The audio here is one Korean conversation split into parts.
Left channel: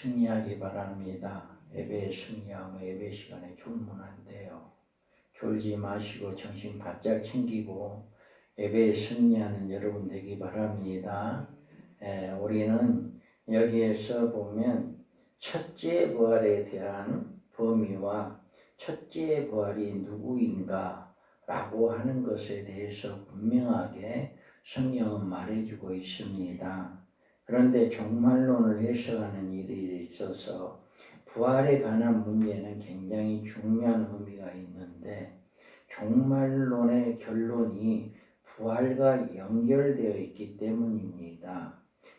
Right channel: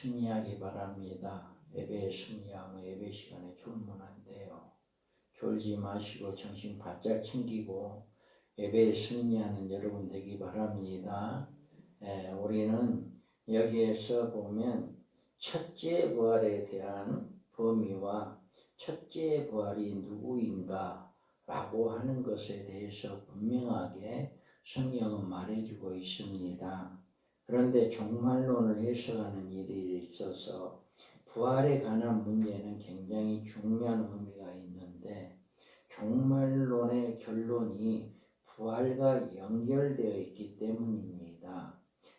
승리하기 바랍니다. 예배에 승리하고 예배 시간에 출문한대요. 졸지 마시고 정신 바짝 챙기고 예배에 승리하는 여러분 되기 바랍니다. 우리는 여기에서 보면 첫째 부활에 대한 범위와 첫째 부활이 누구인가 라고 하는 것에 대해서 분명하게 성경은 말해주고 있습니다. 그런데 종말론을 해석하는 일에 있어서 부활에 관한 문제는 굉장히 중요한 의미가 있는데 종말론의 결론이 부활과 연결되어 있기 때문입니다.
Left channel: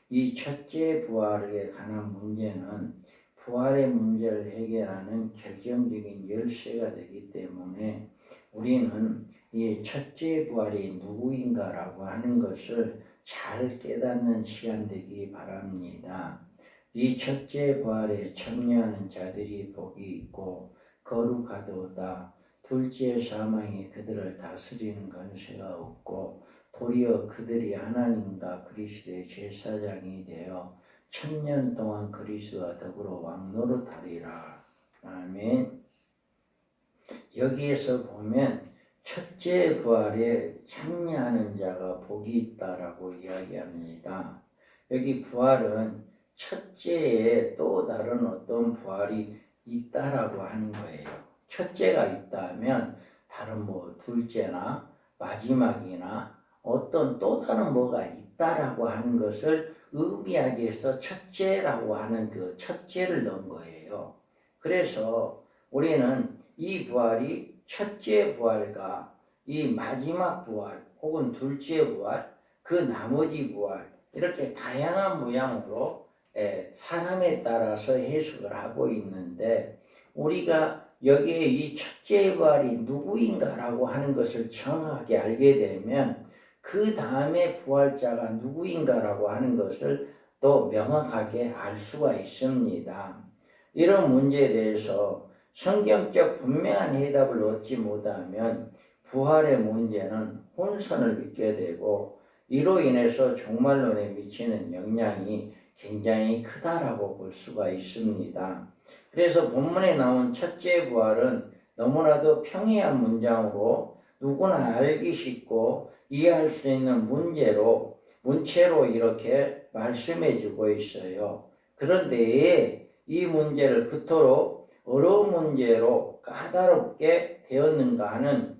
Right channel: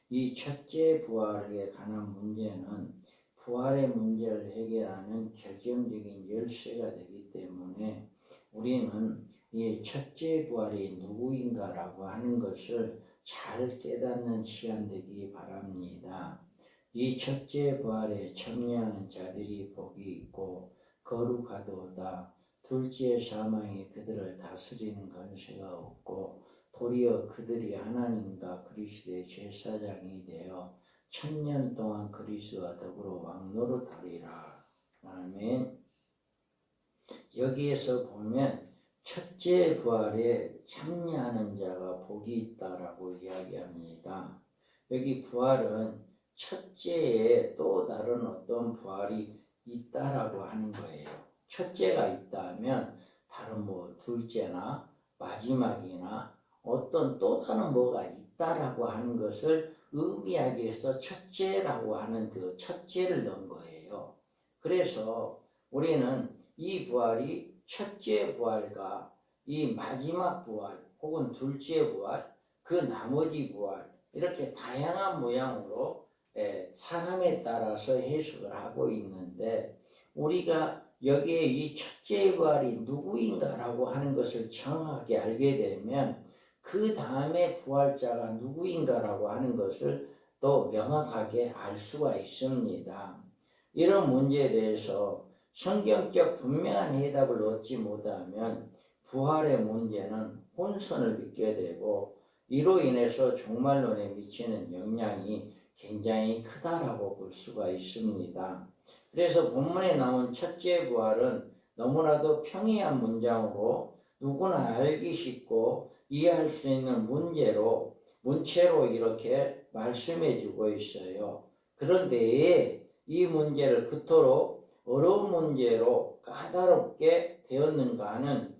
이 첫째 부활에 관한 문제는 부활의 문제를 해결하는 결정적인 열쇠가 되기 때문에 우리는 이 첫째 부활이 누구인가라고 하는 것을 잘 깨닫는 시간 되기 바랍니다. 이 첫째 부활에 참여하는 자들이 복이 있고 거룩하도다. 둘째 사망이 그들을 다스리는 권세가 없고 도리어 그들이 하나님과 그리스도의 제사장이 되어 1000년 동안 그리스도와 더불어 왕노릇하리라. 아멘. 여기에서 보면 첫째 부활에 참여하는 자가 복이 있다라고 이야기합니다. 여기 부활은 첫째에 또 다른 어떤 부활이 있다라고 하는 거예요. 첫째가 있다면 다른 둘째나 마지막이나 어떤 또 다른 뭐가 있다라고 하는 것을 의미하기 위해서 첫째라고 하는 그 첫째를 넣은 거예요. 그래서 우리는 이 부활이 첫째 부활과 이 마지막 부활 혹은 둘째 부활, 그 나머지 부활 이렇게 다양한 모양으로 사람에 따라서 해석을 하고 있는데 우리가 여기에 이 첫째 부활이 누구인가라고 하는 것을 정확하게 알게 되면 그 다음에 부활자가 누구인가라고 하는 것을 또 명확하게 알 수가 있습니다. 이런 문제에 대해서 성경적 분명한 해답을 얻지 못하면 부활의 문제는 혼선을 믿게 되고 이로 인해서 종말론에 미치는 영향이 굉장히 크다라고 볼 수가 있습니다. 그래서 본문에 나온 첫째 부활은 너무나도 평이한 문장으로 누구나 알기 쉽고 이해할 수 있는 문체로 이렇게 말씀해 주고 있어요. 그런데 이 문제를 그토록 어려운 문제로 까다롭게 되었는가 하는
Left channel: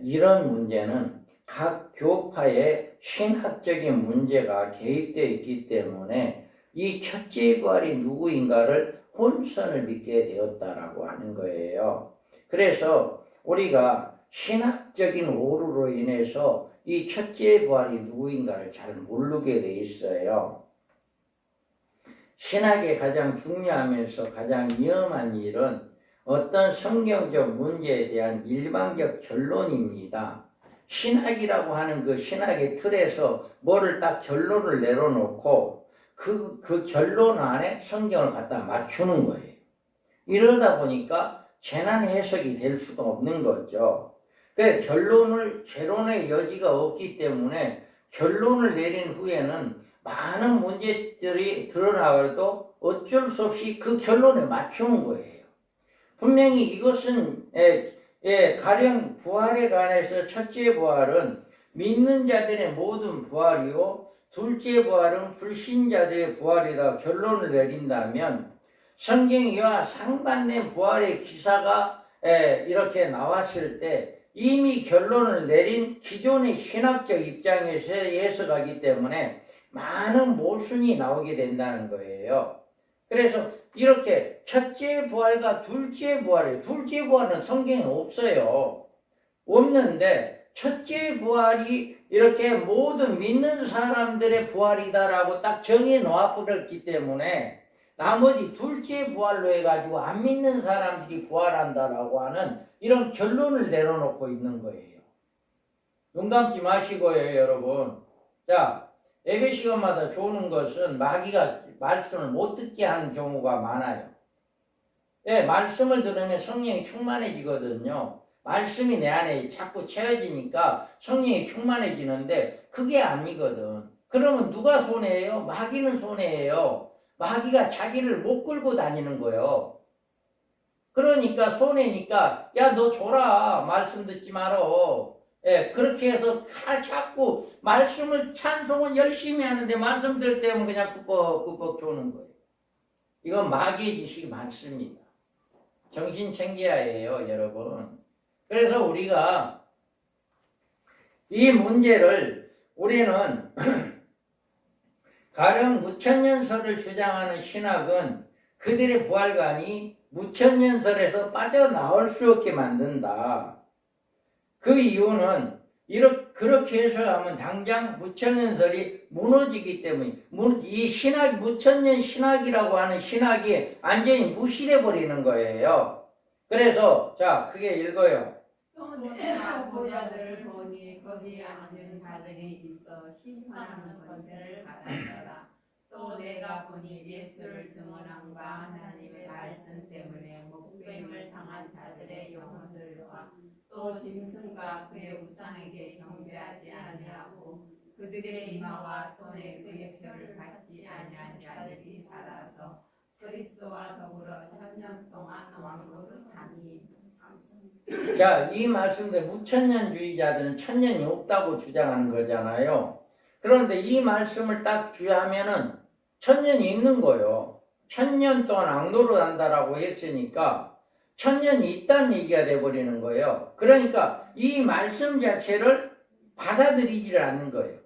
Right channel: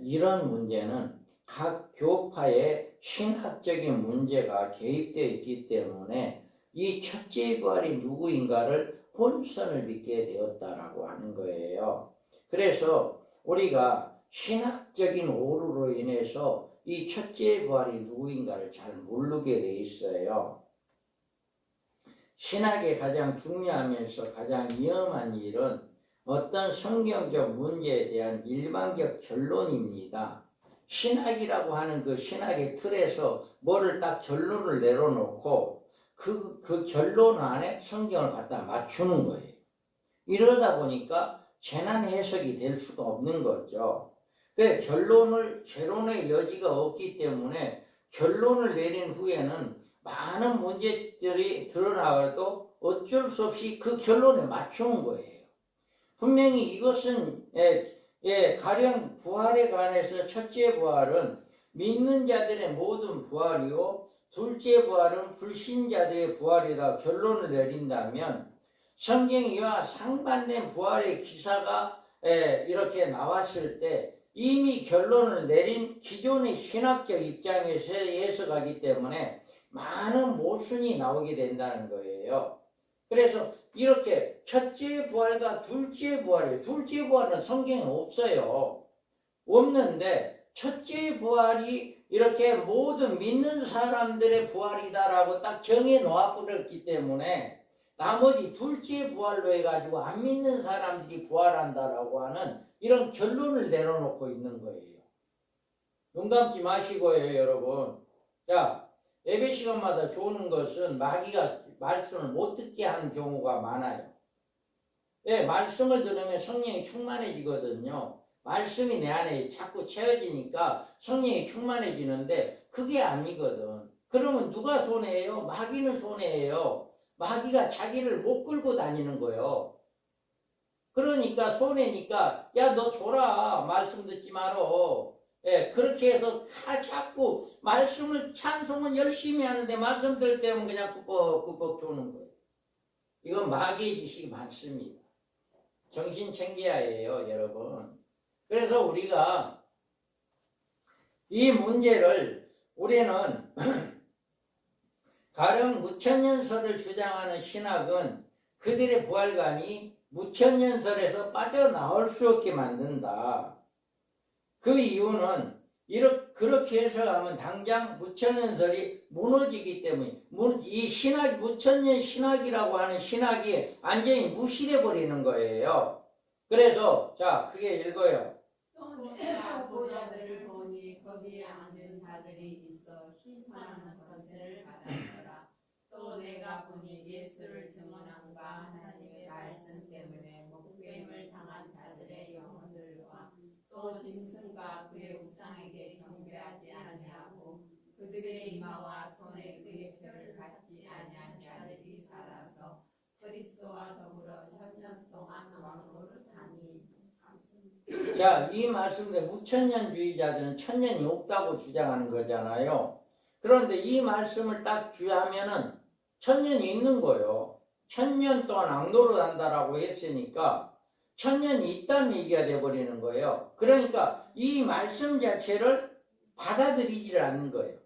이런 문제는 각 교파의 신학적인 문제가 개입되어 있기 때문에 이 첫째 부활이 누구인가를 혼선을 믿게 되었다라고 하는 거예요. 그래서 우리가 신학적인 오류로 인해서 이 첫째 부활이 누구인가를 잘 모르게 돼 있어요. 신학의 가장 중요하면서 가장 위험한 일은 어떤 성경적 문제에 대한 일반적 결론입니다. 신학이라고 하는 그 신학의 틀에서 뭐를 딱 결론을 내려놓고 그 결론 안에 성경을 갖다 맞추는 거예요. 이러다 보니까 재난 해석이 될 수가 없는 거죠. 그래서 재론의 여지가 없기 때문에 결론을 내린 후에는 많은 문제들이 드러나도 어쩔 수 없이 그 결론에 맞추는 거예요. 분명히 이것은 가령 부활에 관해서 첫째 부활은 믿는 자들의 모든 부활이요 둘째 부활은 불신자들의 부활이다 결론을 내린다면 성경이와 상반된 부활의 기사가 이렇게 나왔을 때 이미 결론을 내린 기존의 신학적 입장에서 해석하기 때문에 많은 모순이 나오게 된다는 거예요. 그래서 이렇게 첫째 부활과 둘째 부활은 성경에 없어요. 없는데 첫째 부활이 이렇게 모든 믿는 사람들의 부활이다라고 딱 정해 놓아버렸기 때문에 나머지 둘째 부활로 해가지고 안 믿는 사람들이 부활한다라고 하는 이런 결론을 내려놓고 있는 거예요. 눈 감지 마시고요, 여러분. 자, 예배 시간마다 좋은 것은 마귀가 말씀을 못 듣게 하는 경우가 많아요. 말씀을 들으면 성령이 충만해지거든요. 말씀이 내 안에 자꾸 채워지니까 성령이 충만해지는데 그게 아니거든. 그러면 누가 손해예요? 마귀는 손해예요. 마귀가 자기를 못 끌고 다니는 거예요. 그러니까 손해니까 야 너 줘라 말씀 듣지 말어. 예, 그렇게 해서 자꾸 말씀을 찬송은 열심히 하는데 말씀 들을 때면 그냥 꾸벅꾸벅 조는 거예요. 이건 마귀의 지식이 많습니다. 정신 챙겨야 해요, 여러분. 그래서 우리가 이 문제를 우리는 가령 무천년설을 주장하는 신학은 그들의 부활관이 무천년설에서 빠져나올 수 없게 만든다. 그 이유는 그렇게 해석하면 당장 무천년설이 무너지기 때문에 이 신학 무천년 신학이라고 하는 신학이 완전히 무시돼 버리는 거예요. 그래서 자 크게 읽어요. 또 내가 보좌들을 보니 거기에 앉은 자들이 있어 심판하는 권세를 받았더라. 또 내가 보니 예수를 증언함과 하나님의 말씀 때문에 목배임을 당한 자들의 영혼들과 또 짐승과 그의 우상에게 경배하지 아니하고 그들의 이마와 손에 그의 표를 받지 아니한 자들이 살아서 그리스도와 더불어 천년 동안 왕노릇하니. 자, 이 말씀대 무천년주의자들은 천년이 없다고 주장하는 거잖아요. 그런데 이 말씀을 딱 주하면은 천년이 있는 거예요. 천년 동안 악노릇 한다라고 했으니까 천년이 있다는 얘기가 돼버리는 거예요. 그러니까 이 말씀 자체를 받아들이지를 않는 거예요.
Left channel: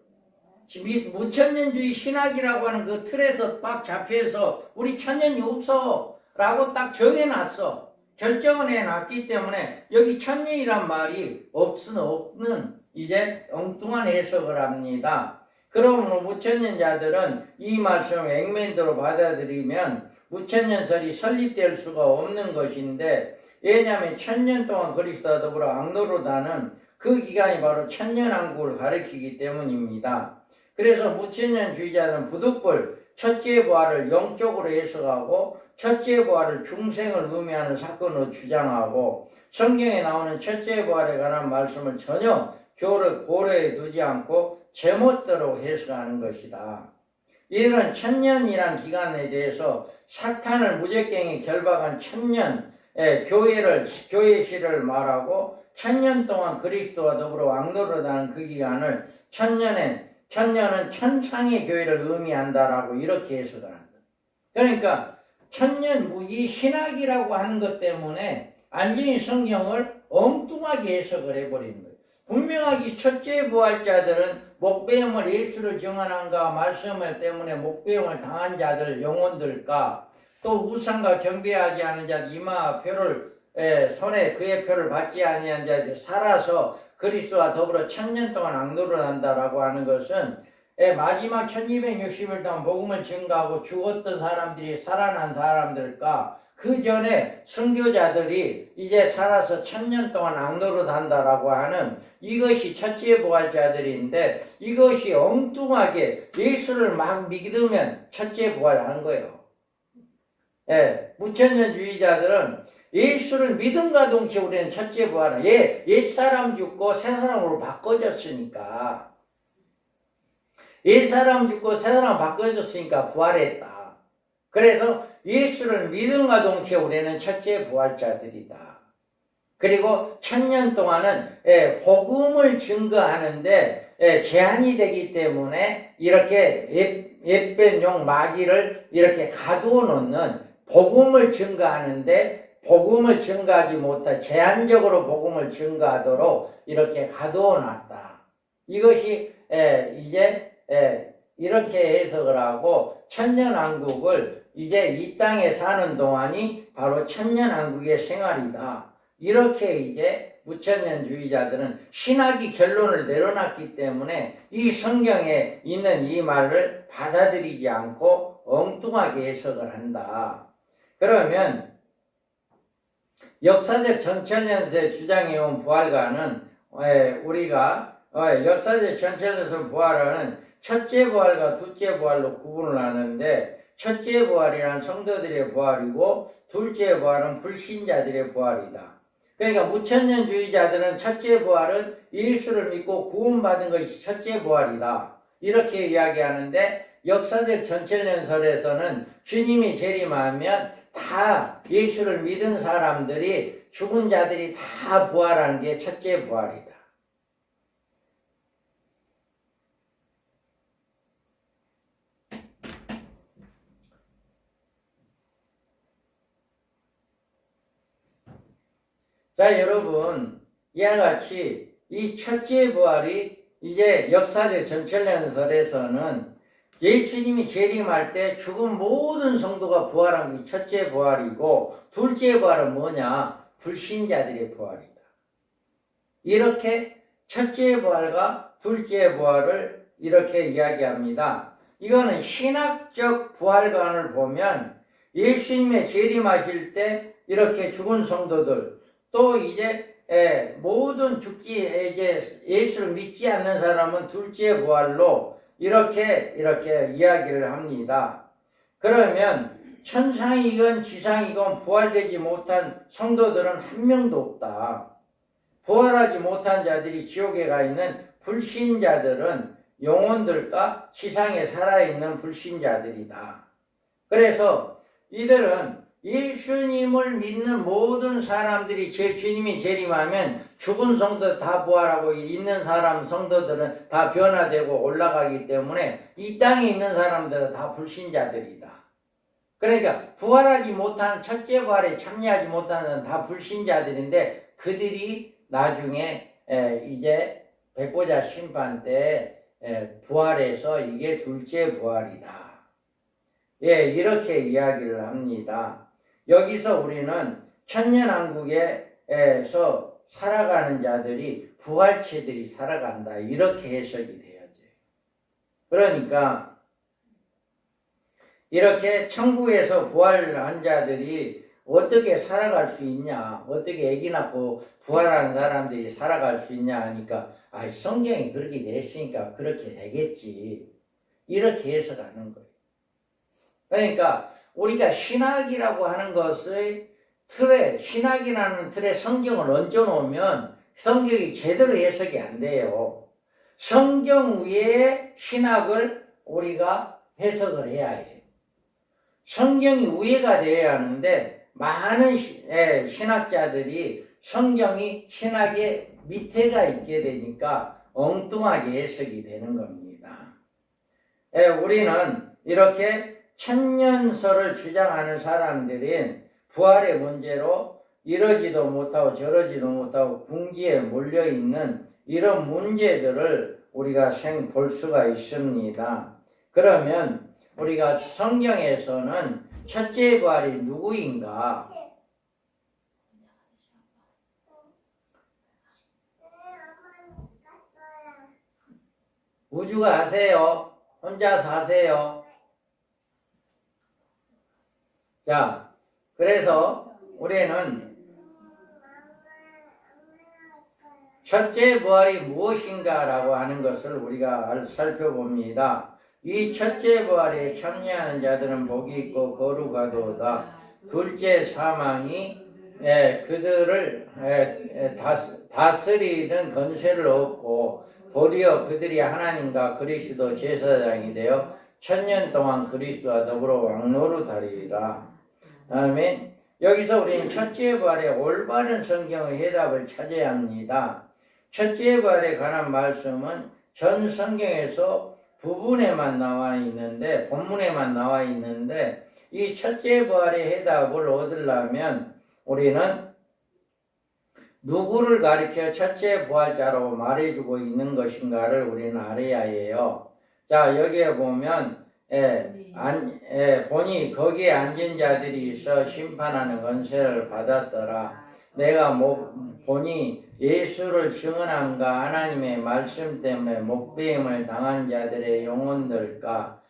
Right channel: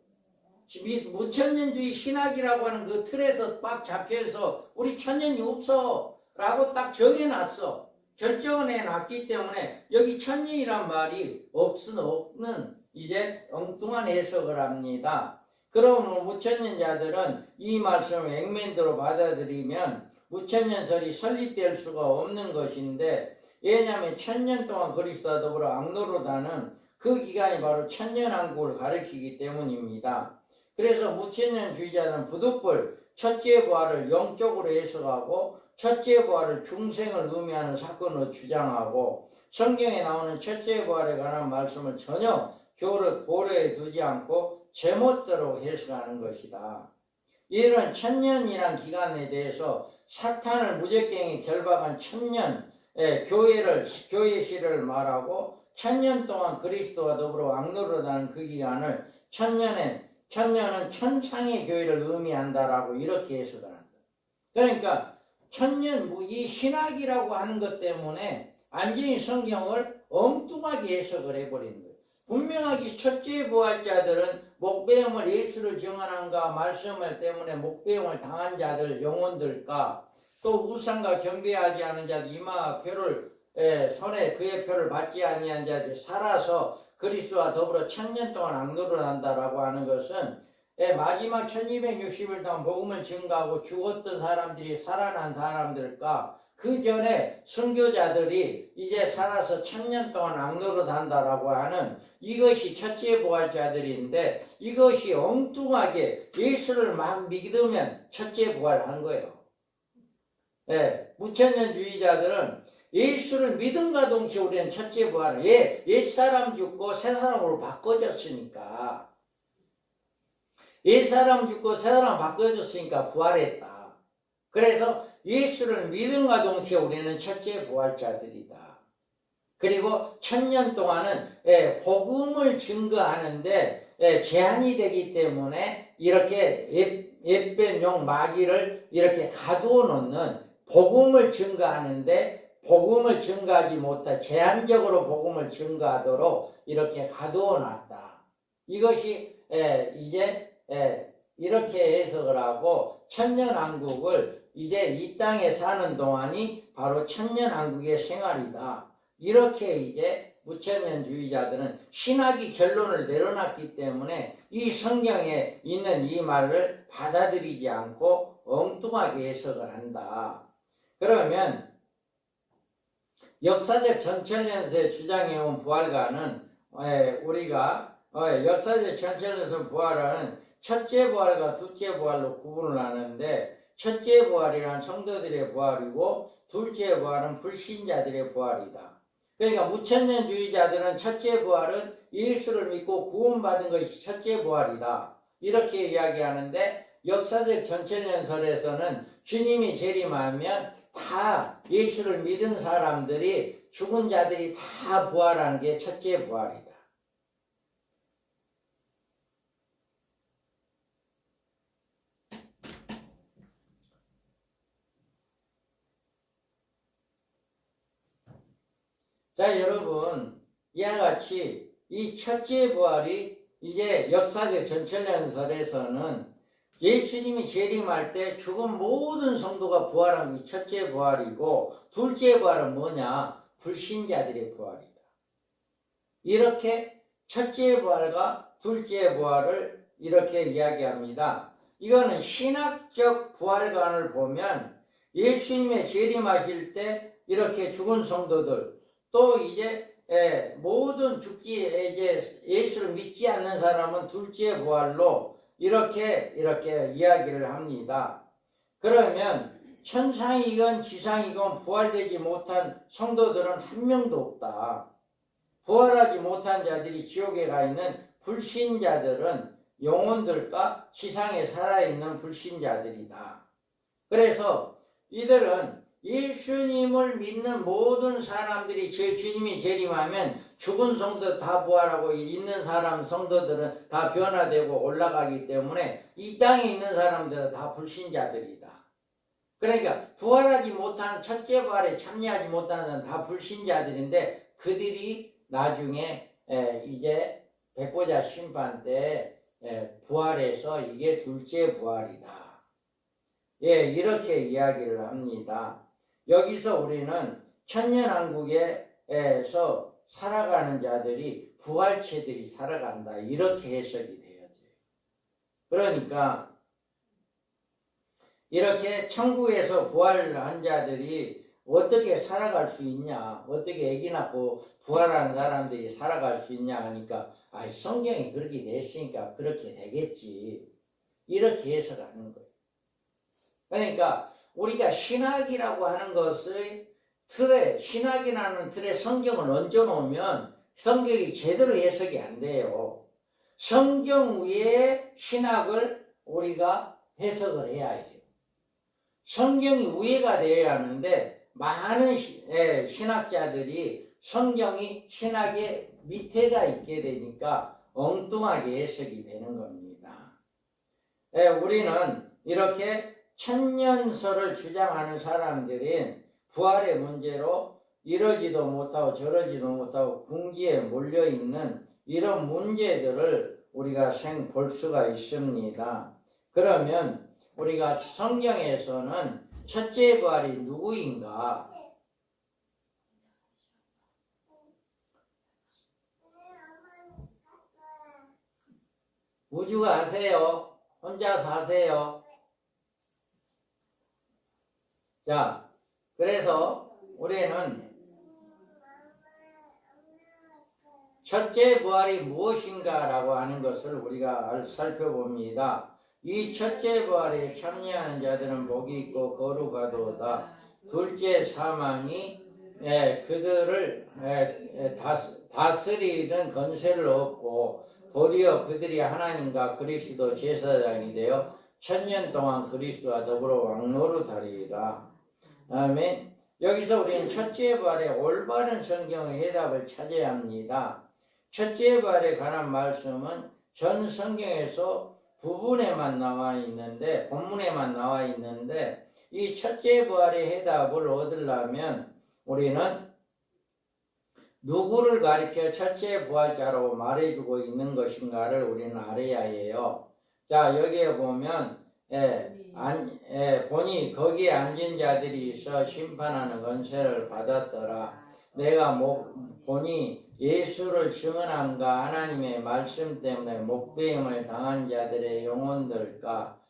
무천년주의 신학이라고 하는 그 틀에서 딱 잡혀서 우리 천년이 없어 라고 딱 정해놨어. 결정을 해놨기 때문에 여기 천년이란 말이 없는 이제 엉뚱한 해석을 합니다. 그러므로 무천년자들은 이 말씀을 액면대로 받아들이면 무천년설이 설립될 수가 없는 것인데, 왜냐하면 천년 동안 그리스도와 더불어 악노릇하는 그 기간이 바로 천년왕국을 가리키기 때문입니다. 그래서 무천년주의자는 부득불 첫째 부활을 영적으로 해석하고 첫째 부활을 중생을 의미하는 사건으로 주장하고 성경에 나오는 첫째 부활에 관한 말씀을 전혀 고려해 두지 않고 제멋대로 해석하는 것이다. 이들은 천년이란 기간에 대해서 사탄을 무적갱에 결박한 천년의 교회 시를 말하고 천년 동안 그리스도와 더불어 왕노릇하는 그 기간을 천년은 천상의 교회를 의미한다라고 이렇게 해석을 한다. 그러니까 천년 이 신학이라고 하는 것 때문에 완전히 성경을 엉뚱하게 해석을 해버리는 거예요. 분명하게 첫째 부활자들은 목배임을 예수를 증언한가 말씀을 때문에 목배임을 당한 자들 영혼들과 또 우상과 경배하지 않은 자들 이마 표를 손에 그의 표를 받지 아니한 자들 살아서 그리스도와 더불어 천년 동안 악노를 한다라고 하는 것은 마지막 1260일 동안 복음을 증거하고 죽었던 사람들이 살아난 사람들과 그 전에 순교자들이 이제 살아서 천년 동안 악노릇 한다라고 하는 이것이 첫째 부활자들인데, 이것이 엉뚱하게 예수를 막 믿으면 첫째 부활하는 거예요. 무천년주의자들은 예수를 믿음과 동시에 우리는 첫째 부활을 옛사람 죽고 새사람으로 바꿔졌으니까 옛사람 죽고 새사람 바꿔졌으니까 부활했다. 그래서 예수를 믿음과 동시에 우리는 첫째 부활자들이다. 그리고 천년 동안은 복음을 증거하는데 제한이 되기 때문에 이렇게 옛뱀용 마귀를 이렇게 가두어 놓는, 복음을 증거하는데 복음을 증거하지 못한 제한적으로 복음을 증거하도록 이렇게 가두어 놨다. 이것이 이제 이렇게 해석을 하고 천년왕국을 이제 이 땅에 사는 동안이 바로 천년왕국의 생활이다. 이렇게 이제 무천년주의자들은 신학이 결론을 내려놨기 때문에 이 성경에 있는 이 말을 받아들이지 않고 엉뚱하게 해석을 한다. 그러면 역사적 전천년세 주장해온 부활과는 우리가 역사적 전천년세 부활은 첫째 부활과 둘째 부활로 구분을 하는데, 첫째 부활이란 성도들의 부활이고 둘째 부활은 불신자들의 부활이다. 그러니까 무천년주의자들은 첫째 부활은 예수를 믿고 구원받은 것이 첫째 부활이다. 이렇게 이야기하는데, 역사적 전철연설에서는 주님이 재림하면 다 예수를 믿은 사람들이 죽은 자들이 다 부활하는 게 첫째 부활이다. 자, 여러분, 이와 같이 이 첫째 부활이 이제 역사적 전철연설에서는 예수님이 재림할 때 죽은 모든 성도가 부활한 게 첫째 부활이고, 둘째 부활은 뭐냐? 불신자들의 부활이다. 이렇게 첫째 부활과 둘째 부활을 이렇게 이야기합니다. 이거는 신학적 부활관을 보면 예수님의 재림하실 때 이렇게 죽은 성도들, 또 이제 모든 이제 예수를 믿지 않는 사람은 둘째 부활로 이렇게 이야기를 합니다. 그러면 천상이건 지상이건 부활되지 못한 성도들은 한 명도 없다. 부활하지 못한 자들이 지옥에 가 있는 불신자들은 영혼들과 지상에 살아있는 불신자들이다. 그래서 이들은 예수님을 믿는 모든 사람들이 주님이 재림하면 죽은 성도 다 부활하고 있는 사람 성도들은 다 변화되고 올라가기 때문에 이 땅에 있는 사람들은 다 불신자들이다. 그러니까 부활하지 못한 첫째 부활에 참여하지 못하는 다 불신자들인데 그들이 나중에 이제 백보자 심판 때 부활해서 이게 둘째 부활이다. 이렇게 이야기를 합니다. 여기서 우리는 천년왕국에서 살아가는 자들이 부활체들이 살아간다. 이렇게 해석이 돼야죠. 그러니까 이렇게 천국에서 부활한 자들이 어떻게 살아갈 수 있냐, 어떻게 아기 낳고 부활하는 사람들이 살아갈 수 있냐 하니까 성경이 그렇게 됐으니까 그렇게 되겠지. 이렇게 해석하는 거예요. 그러니까 우리가 신학이라고 하는 것의 틀에, 신학이라는 틀에 성경을 얹어놓으면 성경이 제대로 해석이 안 돼요. 성경 위에 신학을 우리가 해석을 해야 해요. 성경이 우회가 되어야 하는데 많은 신학자들이 성경이 신학의 밑에가 있게 되니까 엉뚱하게 해석이 되는 겁니다. 우리는 이렇게 천년설을 주장하는 사람들은 부활의 문제로 이러지도 못하고 저러지도 못하고 궁지에 몰려있는 이런 문제들을 우리가 볼 수가 있습니다. 그러면 우리가 성경에서는 첫째 부활이 누구인가? 우주가 하세요? 혼자 사세요? 자, 그래서 우리는 첫째 부활이 무엇인가라고 하는 것을 우리가 살펴봅니다. 이 첫째 부활에 참여하는 자들은 복이 있고 거룩하도다. 둘째 사망이 그들을 다스리는 권세를 얻고 도리어 그들이 하나님과 그리스도 제사장이 되어 천년 동안 그리스도와 더불어 왕노릇하리라. 아멘. 여기서 우리는 첫째 부활의 올바른 성경의 해답을 찾아야 합니다. 첫째 부활에 관한 말씀은 전 성경에서 부분에만 나와 있는데, 본문에만 나와 있는데, 이 첫째 부활의 해답을 얻으려면 우리는 누구를 가리켜 첫째 부활자라고 말해주고 있는 것인가를 우리는 알아야 해요. 자, 여기에 보면 보니 거기에 앉은 자들이 있어 심판하는 권세를 받았더라. 내가 보니 예수를 증언함과 하나님의 말씀 때문에 목배임을 당한 자들의 영혼들과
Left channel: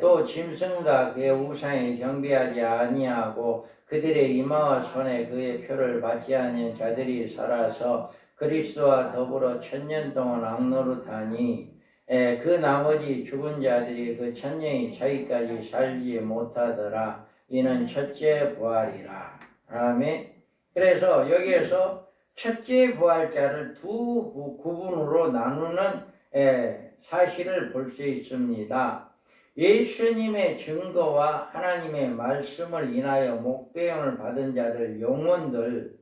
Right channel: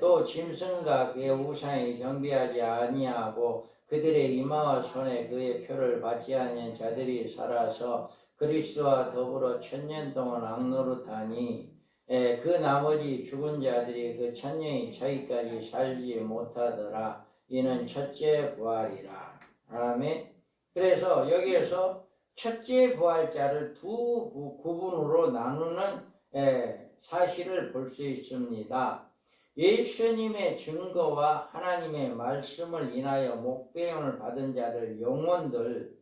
또 짐승과 그의 우상에 경배하지 아니하고 그들의 이마와 손에 그의 표를 받지 않은 자들이 살아서 그리스도와 더불어 천년 동안 왕노릇하니 그 나머지 죽은 자들이 그 천년이 차기까지 살지 못하더라. 이는 첫째 부활이라. 아멘. 그래서 여기에서 첫째 부활자를 두 구분으로 나누는 사실을 볼 수 있습니다. 예수님의 증거와 하나님의 말씀을 인하여 목배임을 받은 자들 영혼들,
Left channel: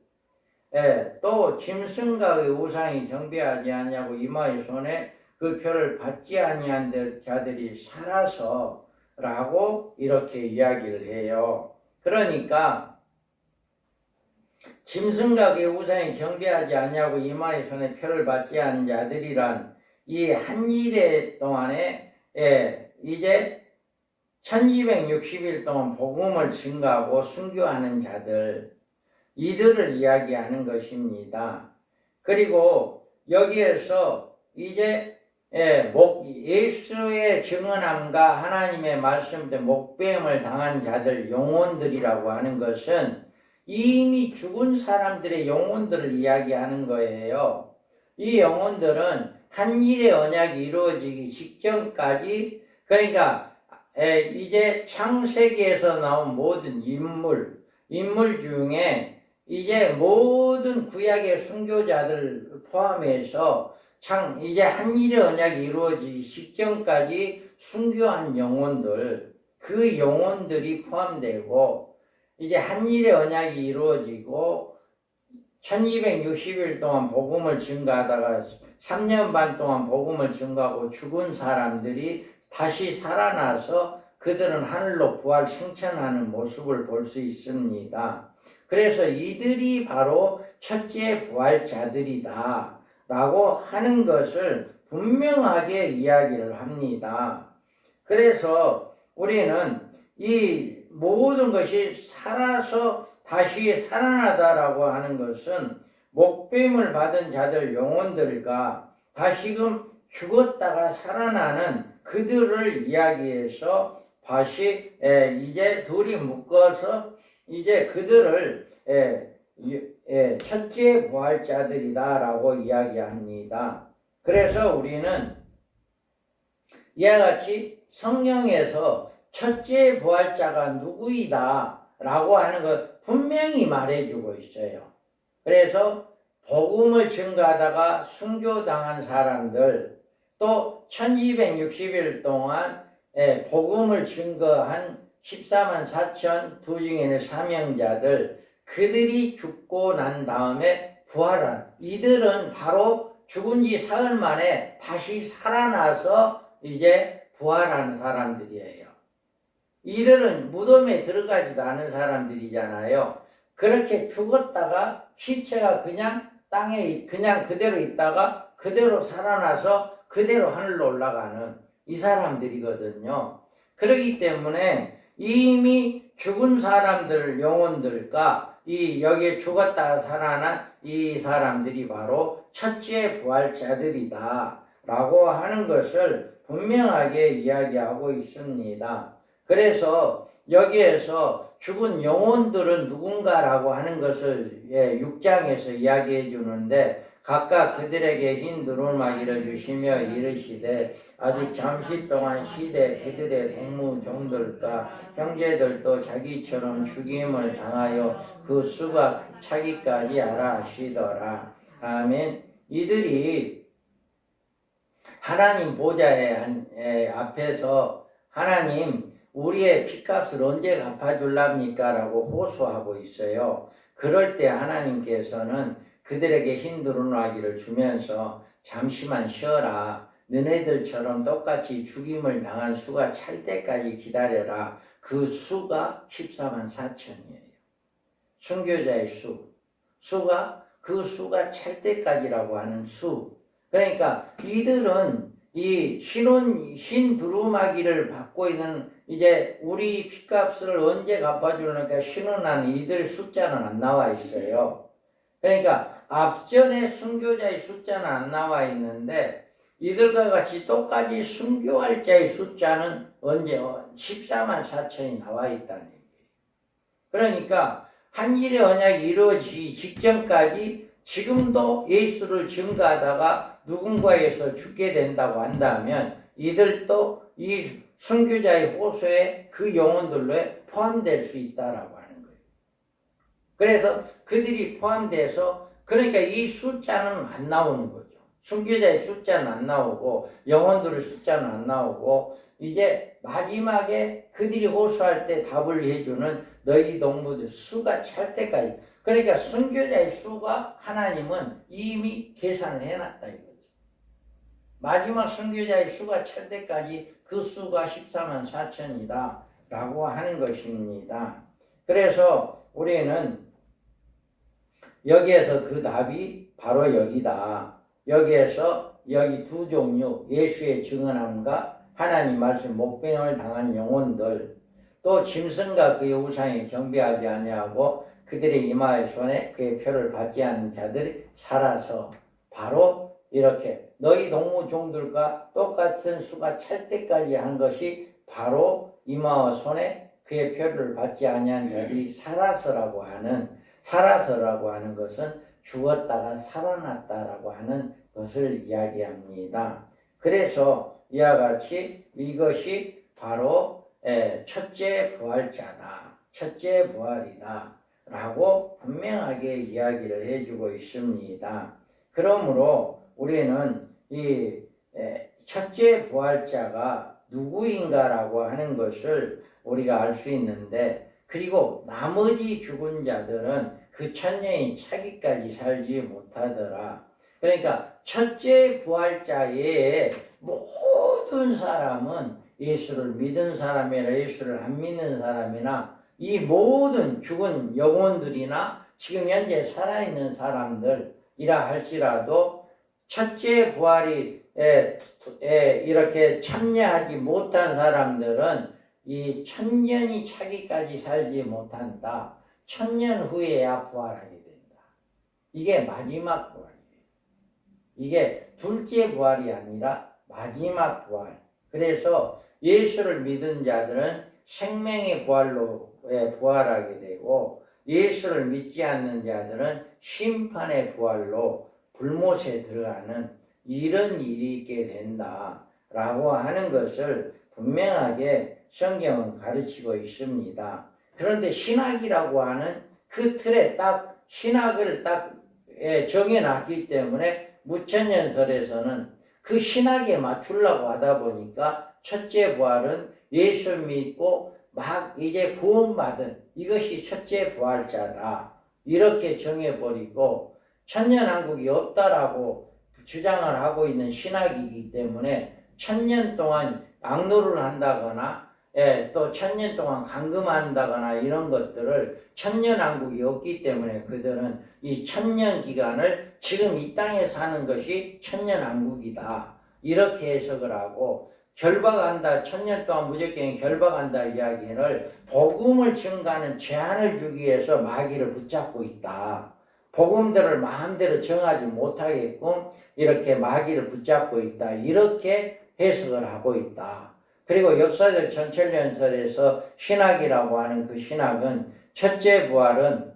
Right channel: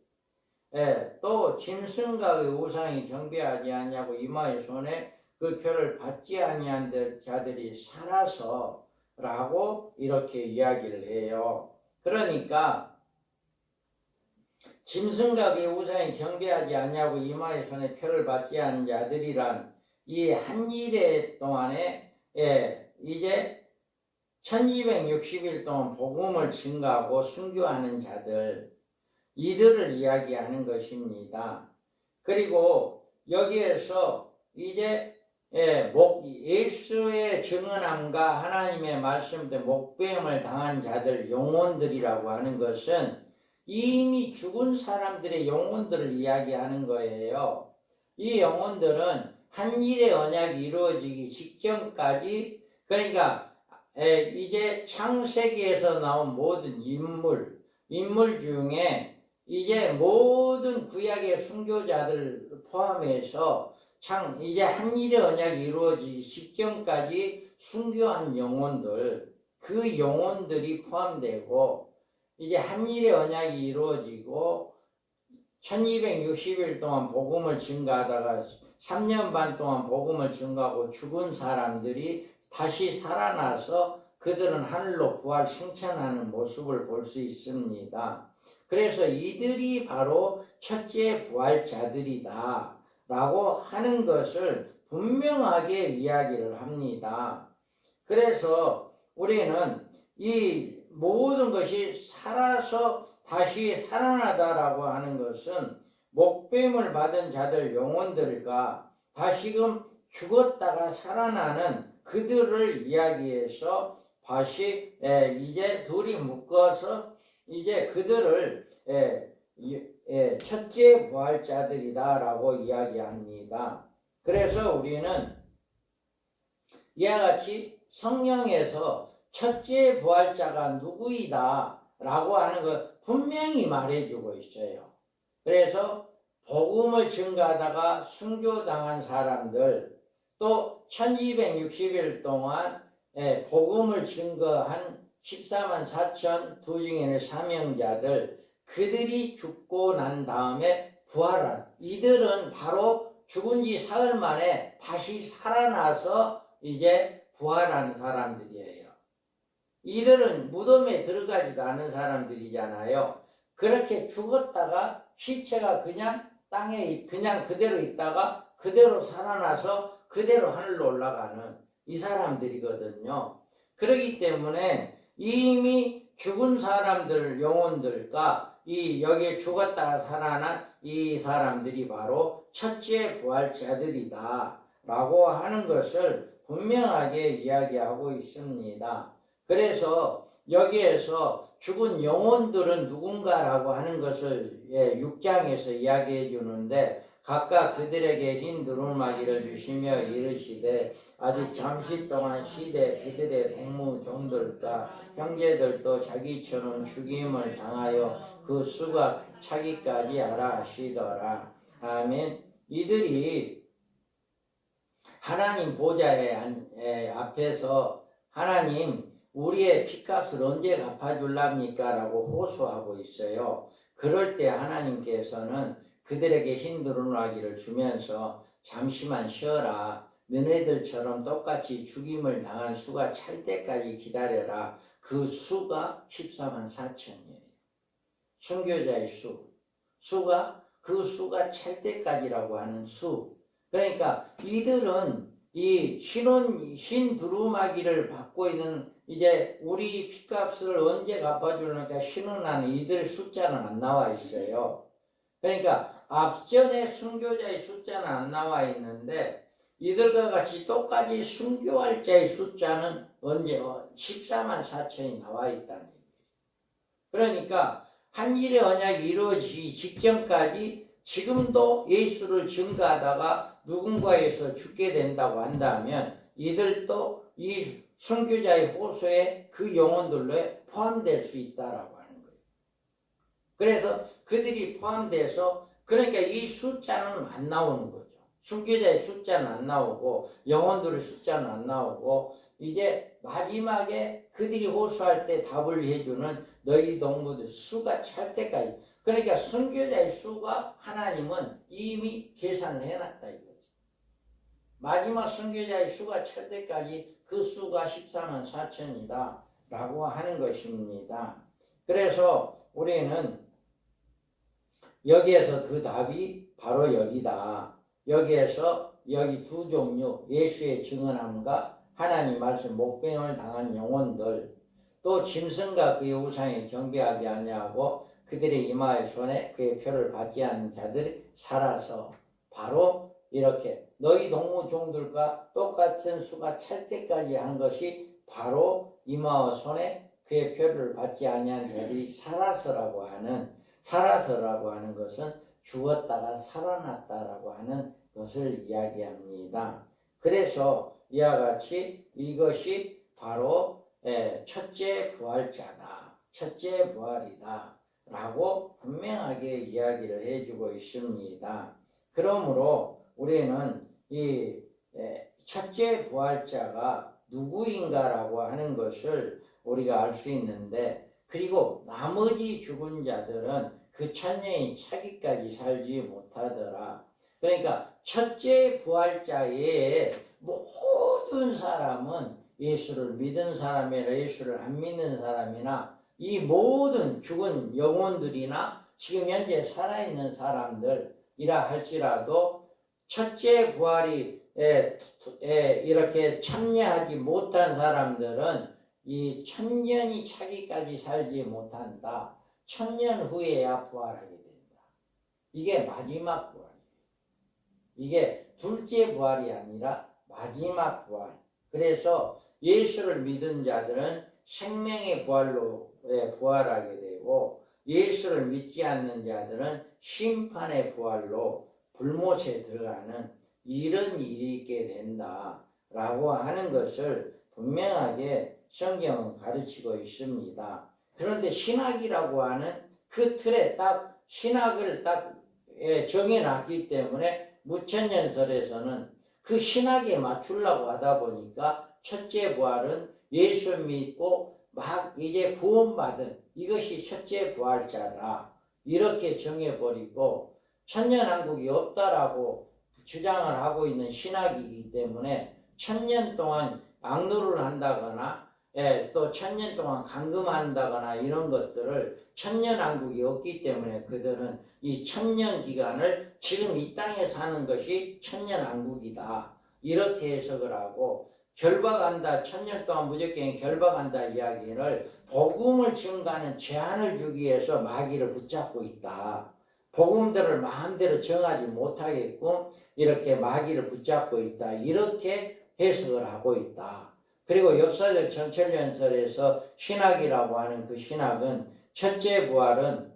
또 짐승각의 우상이 경배하지 아니하고 이마의 손에 그 표를 받지 아니한 자들이 살아서 라고 이렇게 이야기를 해요. 그러니까 짐승각의 우상이 경배하지 아니하고 이마의 손에 표를 받지 않은 자들이란 이 한 일에 동안에 이제 1260일 동안 복음을 증거하고 순교하는 자들, 이들을 이야기하는 것입니다. 그리고 여기에서 이제 예수의 증언함과 하나님의 말씀 때 목배임을 당한 자들 영혼들이라고 하는 것은 이미 죽은 사람들의 영혼들을 이야기하는 거예요. 이 영혼들은 한 일의 언약이 이루어지기 직전까지, 그러니까 이제 창세기에서 나온 모든 인물 중에 이제 모든 구약의 순교자들 포함해서 이제 한 일의 언약이 이루어지기 직전까지 순교한 영혼들, 그 영혼들이 포함되고, 이제 한 일의 언약이 이루어지고 1260일 동안 복음을 증거하다가 3년 반 동안 복음을 증거하고 죽은 사람들이 다시 살아나서 그들은 하늘로 부활 승천하는 모습을 볼 수 있습니다. 그래서 이들이 바로 첫째 부활자들이다 라고 하는 것을 분명하게 이야기를 합니다. 그래서 우리는 이 모든 것이 살아서 다시 살아나다라고 하는 것은 목배임을 받은 자들 영혼들과 다시금 죽었다가 살아나는 그들을 이야기해서 다시 이제 둘이 묶어서 이제 그들을 첫째 부활자들이다라고 이야기합니다. 그래서 우리는 이와 같이 성경에서 첫째 부활자가 누구이다 라고 하는 것 분명히 말해주고 있어요. 그래서 복음을 증거하다가 순교당한 사람들, 또 1260일 동안 복음을 증거한 14만 4천 두 증인의 사명자들, 그들이 죽고 난 다음에 부활한 이들은 바로 죽은 지 사흘 만에 다시 살아나서 이제 부활하는 사람들이에요. 이들은 무덤에 들어가지도 않은 사람들이잖아요. 그렇게 죽었다가 시체가 그냥 땅에 그냥 그대로 있다가 그대로 살아나서 그대로 하늘로 올라가는 이 사람들이거든요. 그렇기 때문에 이미 죽은 사람들 영혼들과 이 여기에 죽었다가 살아난 이 사람들이 바로 첫째 부활자들이다 라고 하는 것을 분명하게 이야기하고 있습니다. 그래서 여기에서 죽은 영혼들은 누군가라고 하는 것을 6장에서 이야기해 주는데, 각각 그들에게 흰 두루마기를 주시며 이르시되 아직 잠시 동안 시대 그들의 동무종들과 형제들도 자기처럼 죽임을 당하여 그 수가 차기까지 알아 하시더라. 아멘. 이들이 하나님 보좌의 앞에서 하나님 우리의 핏값을 언제 갚아줄랍니까? 라고 호소하고 있어요. 그럴 때 하나님께서는 그들에게 흰 두루마기를 주면서 잠시만 쉬어라. 너네들처럼 똑같이 죽임을 당한 수가 찰 때까지 기다려라. 그 수가 14만 4천이에요. 순교자의 수가 그 수가 찰 때까지라고 하는 수. 그러니까 이들은 이 흰 두루마기를 받고 있는 이제 우리 핏값을 언제 갚아주려니까 신원한 이들 숫자는 안 나와 있어요. 그러니까 앞전에 순교자의 숫자는 안 나와 있는데 이들과 같이 똑같이 순교할 자의 숫자는 언제 14만 4천이 나와 있다는 얘기예요. 그러니까 한 일의 언약이 이루어지기 직전까지 지금도 예수를 증거하다가 누군가에서 죽게 된다고 한다면 이들도 이 순교자의 호소에 그 영혼들로 포함될 수 있다라고 하는 거예요. 그래서 그들이 포함돼서 그러니까 이 숫자는 안 나오는 거죠. 순교자의 숫자는 안 나오고 영혼들의 숫자는 안 나오고 이제 마지막에 그들이 호소할 때 답을 해주는 너희 동무들 수가 찰 때까지 그러니까 순교자의 수가 하나님은 이미 계산을 해놨다 이거죠. 마지막 순교자의 수가 찰 때까지 그 수가 14만 4천이다 라고 하는 것입니다. 그래서 우리는 여기에서 그 답이 바로 여기다. 여기에서 여기 두 종류 예수의 증언함과 하나님 말씀 목배임을 당한 영혼들 또 짐승과 그의 우상에 경배하지 아니하고 그들의 이마의 손에 그의 표를 받지 않는 자들이 살아서 바로 이렇게 너희 동무종들과 똑같은 수가 찰 때까지 한 것이 바로 이마와 손에 그의 표를 받지 아니한 자들이 살아서라고 하는 것은 죽었다가 살아났다라고 하는 것을 이야기합니다. 그래서 이와 같이 이것이 바로 첫째 부활자다. 첫째 부활이다. 라고 분명하게 이야기를 해주고 있습니다. 그러므로 우리는 이 첫째 부활자가 누구인가라고 하는 것을 우리가 알 수 있는데 그리고 나머지 죽은 자들은 그 천년이 차기까지 살지 못하더라. 그러니까 첫째 부활자의 모든 사람은 예수를 믿은 사람이나 예수를 안 믿는 사람이나 이 모든 죽은 영혼들이나 지금 현재 살아있는 사람들이라 할지라도 첫째 부활이 이렇게 참여하지 못한 사람들은 이 천년이 차기까지 살지 못한다. 천년 후에야 부활하게 된다. 이게 마지막 부활이에요. 이게 둘째 부활이 아니라 마지막 부활. 그래서 예수를 믿은 자들은 생명의 부활로 부활하게 되고 예수를 믿지 않는 자들은 심판의 부활로 불못에 들어가는 이런 일이 있게 된다라고 하는 것을 분명하게 성경은 가르치고 있습니다. 그런데 신학이라고 하는 그 틀에 딱 신학을 딱 정해놨기 때문에 무천년설에서는 그 신학에 맞추려고 하다 보니까 첫째 부활은 예수 믿고 막 이제 구원받은 이것이 첫째 부활자다. 이렇게 정해버리고 천년왕국이 없다라고 주장을 하고 있는 신학이기 때문에 천년 동안 악노를 한다거나 또 천년 동안 감금한다거나 이런 것들을 천년왕국이 없기 때문에 그들은 이 천년 기간을 지금 이 땅에 사는 것이 천년왕국이다. 이렇게 해석을 하고 결박한다. 천년 동안 무조건 결박한다 이야기를 복음을 증가하는 제한을 주기 위해서 마귀를 붙잡고 있다. 복음들을 마음대로 정하지 못하게끔 이렇게 마귀를 붙잡고 있다. 이렇게 해석을 하고 있다. 그리고 역사적 전철연설에서 신학이라고 하는 그 신학은 첫째 부활은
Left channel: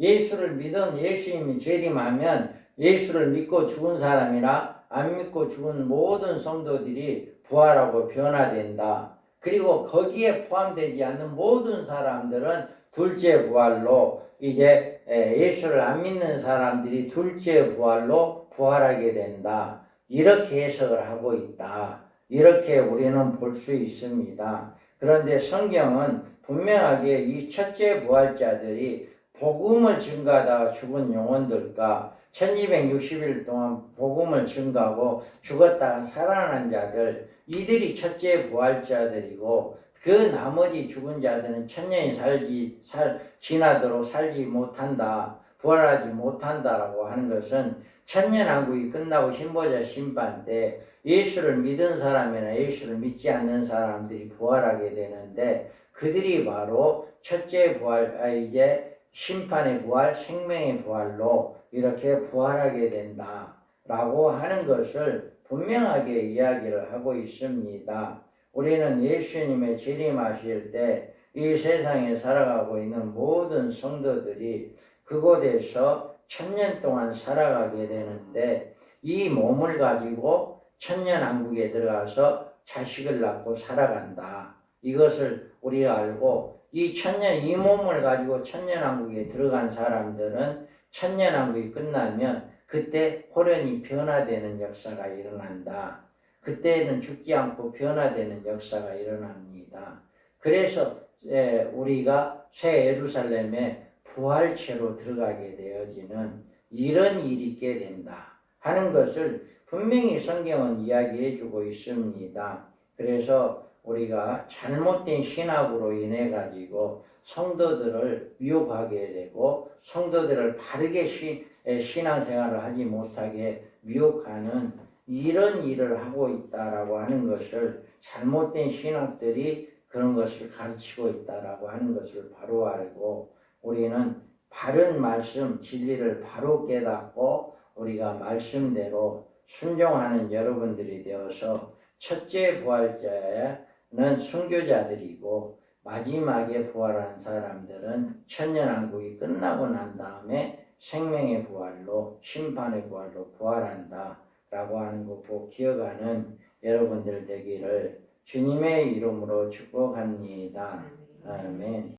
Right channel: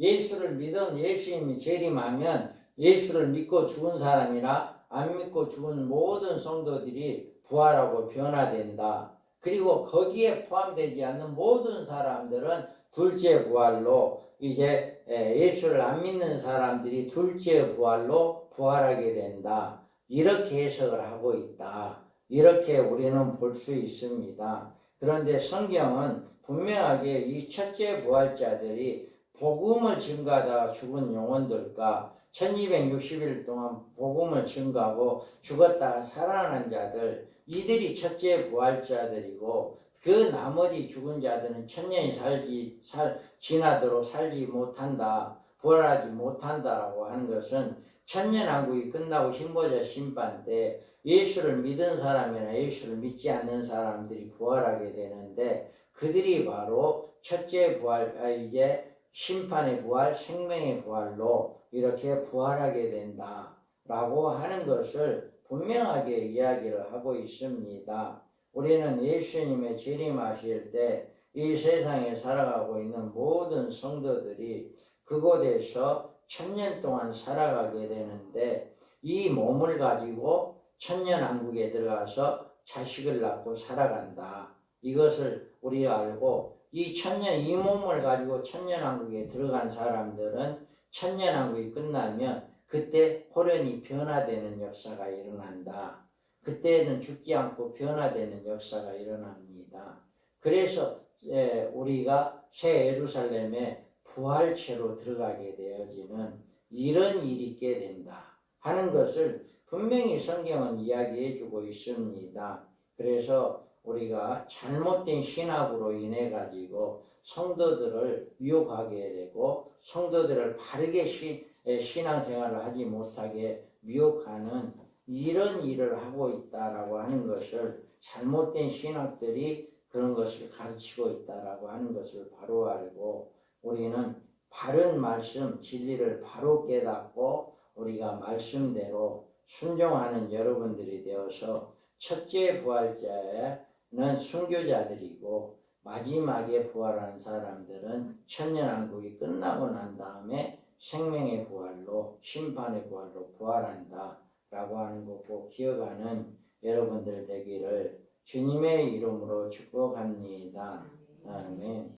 예수를 믿은 예수님이 재림하면 예수를 믿고 죽은 사람이나 안 믿고 죽은 모든 성도들이 부활하고 변화된다. 그리고 거기에 포함되지 않는 모든 사람들은 둘째 부활로 이제 예수를 안 믿는 사람들이 둘째 부활로 부활하게 된다. 이렇게 해석을 하고 있다. 이렇게 우리는 볼 수 있습니다. 그런데 성경은 분명하게 이 첫째 부활자들이 복음을 증가하다가 죽은 영혼들과 1260일 동안 복음을 증가하고 죽었다가 살아난 자들 이들이 첫째 부활자들이고 그 나머지 죽은 자들은 천년이 지나도록 살지 못한다. 부활하지 못한다라고 하는 것은 천년왕국이 끝나고 신보자 심판 때 예수를 믿은 사람이나 예수를 믿지 않는 사람들이 부활하게 되는데 그들이 바로 첫째 부활, 이제 심판의 부활, 생명의 부활로 이렇게 부활하게 된다라고 하는 것을 분명하게 이야기를 하고 있습니다. 우리는 예수님의 재림하실 때 이 세상에 살아가고 있는 모든 성도들이 그곳에서 천년 동안 살아가게 되는데 이 몸을 가지고 천년왕국에 들어가서 자식을 낳고 살아간다. 이것을 우리가 알고 이 몸을 가지고 천년왕국에 들어간 사람들은 천년왕국이 끝나면 그때 호련이 변화되는 역사가 일어난다. 그때는 죽지 않고 변화되는 역사가 일어납니다. 그래서 우리가 새 예루살렘에 부활체로 들어가게 되어지는 이런 일이 있게 된다 하는 것을 분명히 성경은 이야기해 주고 있습니다. 그래서 우리가 잘못된 신학으로 인해 가지고 성도들을 미혹하게 되고 성도들을 바르게 신앙생활을 하지 못하게 미혹하는 이런 일을 하고 있다라고 하는 것을 잘못된 신학들이 그런 것을 가르치고 있다라고 하는 것을 바로 알고 우리는 바른 말씀 진리를 바로 깨닫고 우리가 말씀대로 순종하는 여러분들이 되어서 첫째 부활자는 순교자들이고 마지막에 부활한 사람들은 천년왕국이 끝나고 난 다음에 생명의 부활로 심판의 부활로 부활한다 라고 하는 거 꼭 기억하는 여러분들 되기를 주님의 이름으로 축복합니다. 아멘.